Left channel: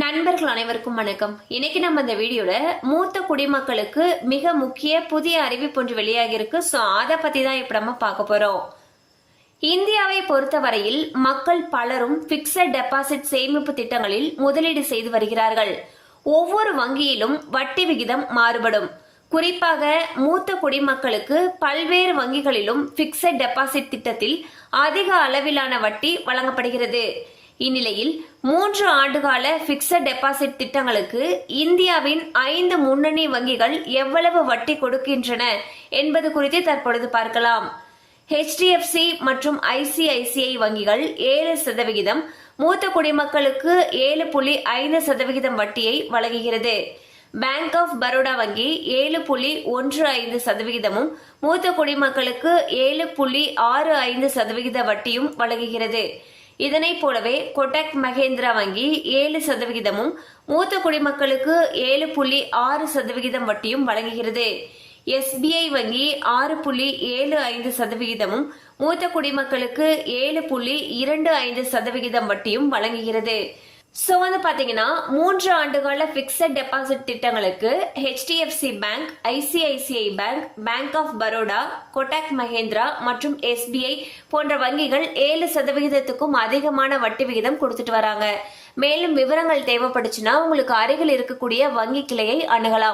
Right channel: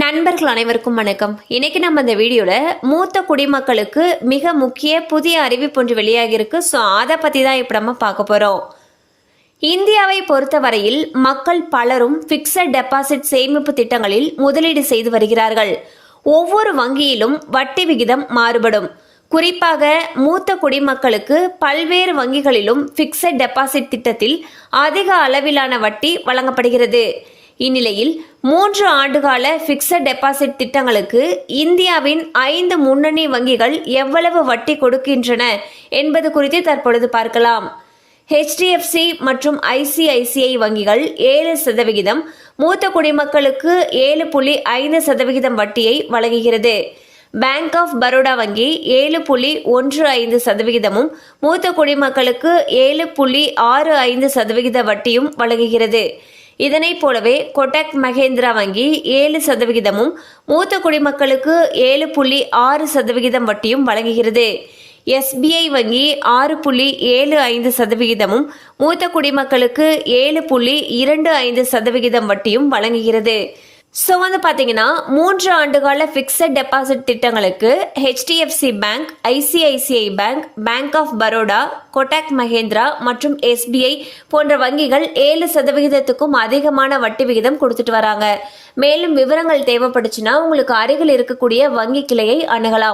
நண்பர்கள் அனைவருக்கும் வணக்கம். இன்னைக்கு நம்ம இந்த வீடியோல மூத்த குடிமக்களுக்கு மிக முக்கிய புதிய அறிவிப்பு ஒன்று வெளியாகியிருக்கு. ஸோ அதை பத்தி தான் இப்போ நம்ம பார்க்க போறோம். இந்தியாவை பொறுத்தவரையில் மக்கள் பலரும் பிக்சட் டெபாசிட் சேமிப்பு திட்டங்களில் முதலீடு செய்து வருகிறார்கள். ஒவ்வொரு வங்கியிலும் வட்டி விகிதம் மாறுபடும். குறிப்பாக மூத்த குடிமக்களுக்கு பல்வேறு வங்கிகளிலும் பிக்சட் டெபாசிட் திட்டத்தில் அதிக அளவிலான வட்டி வழங்கப்படுகிறது. இந்நிலையில் மூன்று ஆண்டுகால பிக்சட் டெபாசிட் திட்டங்களுக்கு இந்தியாவின் ஐந்து முன்னணி வங்கிகள் எவ்வளவு வட்டி கொடுக்கின்றன என்பது குறித்து தற்பொழுது பார்க்கலாம். ஹெச்டிஎஃப்சி மற்றும் ஐசிஐசிஐ வங்கிகள் ஏழு சதவிகிதம் மூத்த குடிமக்களுக்கு ஏழு புள்ளி ஐந்து சதவிகிதம் வட்டியை வழங்குகிறது. பேங்க் ஆஃப் பரோடா வங்கி ஏழு புள்ளி ஒன்று ஐந்து சதவிகிதமும் மூத்த குடிமக்களுக்கு ஏழு புள்ளி ஆறு ஐந்து சதவிகித வட்டியும் வழங்குகிறது. இதனைப் போலவே கொட்டக் மகேந்திரா வங்கி ஏழு சதவிகிதமும் மூத்த குடிமக்களுக்கு ஏழு புள்ளி ஆறு சதவிகிதம் வட்டியும் வழங்குகிறது. எஸ்பிஐ வங்கி ஆறு புள்ளி ஏழு ஐந்து சதவிகிதமும் மூத்த குடிமக்களுக்கு ஏழு புள்ளி இரண்டு ஐந்து சதவிகிதம் வட்டியும் வழங்குகிறது. ஸோ வந்து பார்த்தீங்கன்னா மூன்று ஆண்டுகால ஃபிக்ஸட் டெபாசிட் திட்டங்களுக்கு HDFC bank ICICI bank bank of Baroda Kotak Mahindra மற்றும் எஸ்பிஐ போன்ற வங்கிகள் ஏழு சதவிகிதத்துக்கும் அதிகமான வட்டி விகிதம் கொடுத்துட்டு வராங்க. மேலும் விவரங்கள் தேவைப்படுச்சுன்னா உங்களுக்கு அருகில் இருக்கக்கூடிய வங்கி கிளையை அணுகலாம்.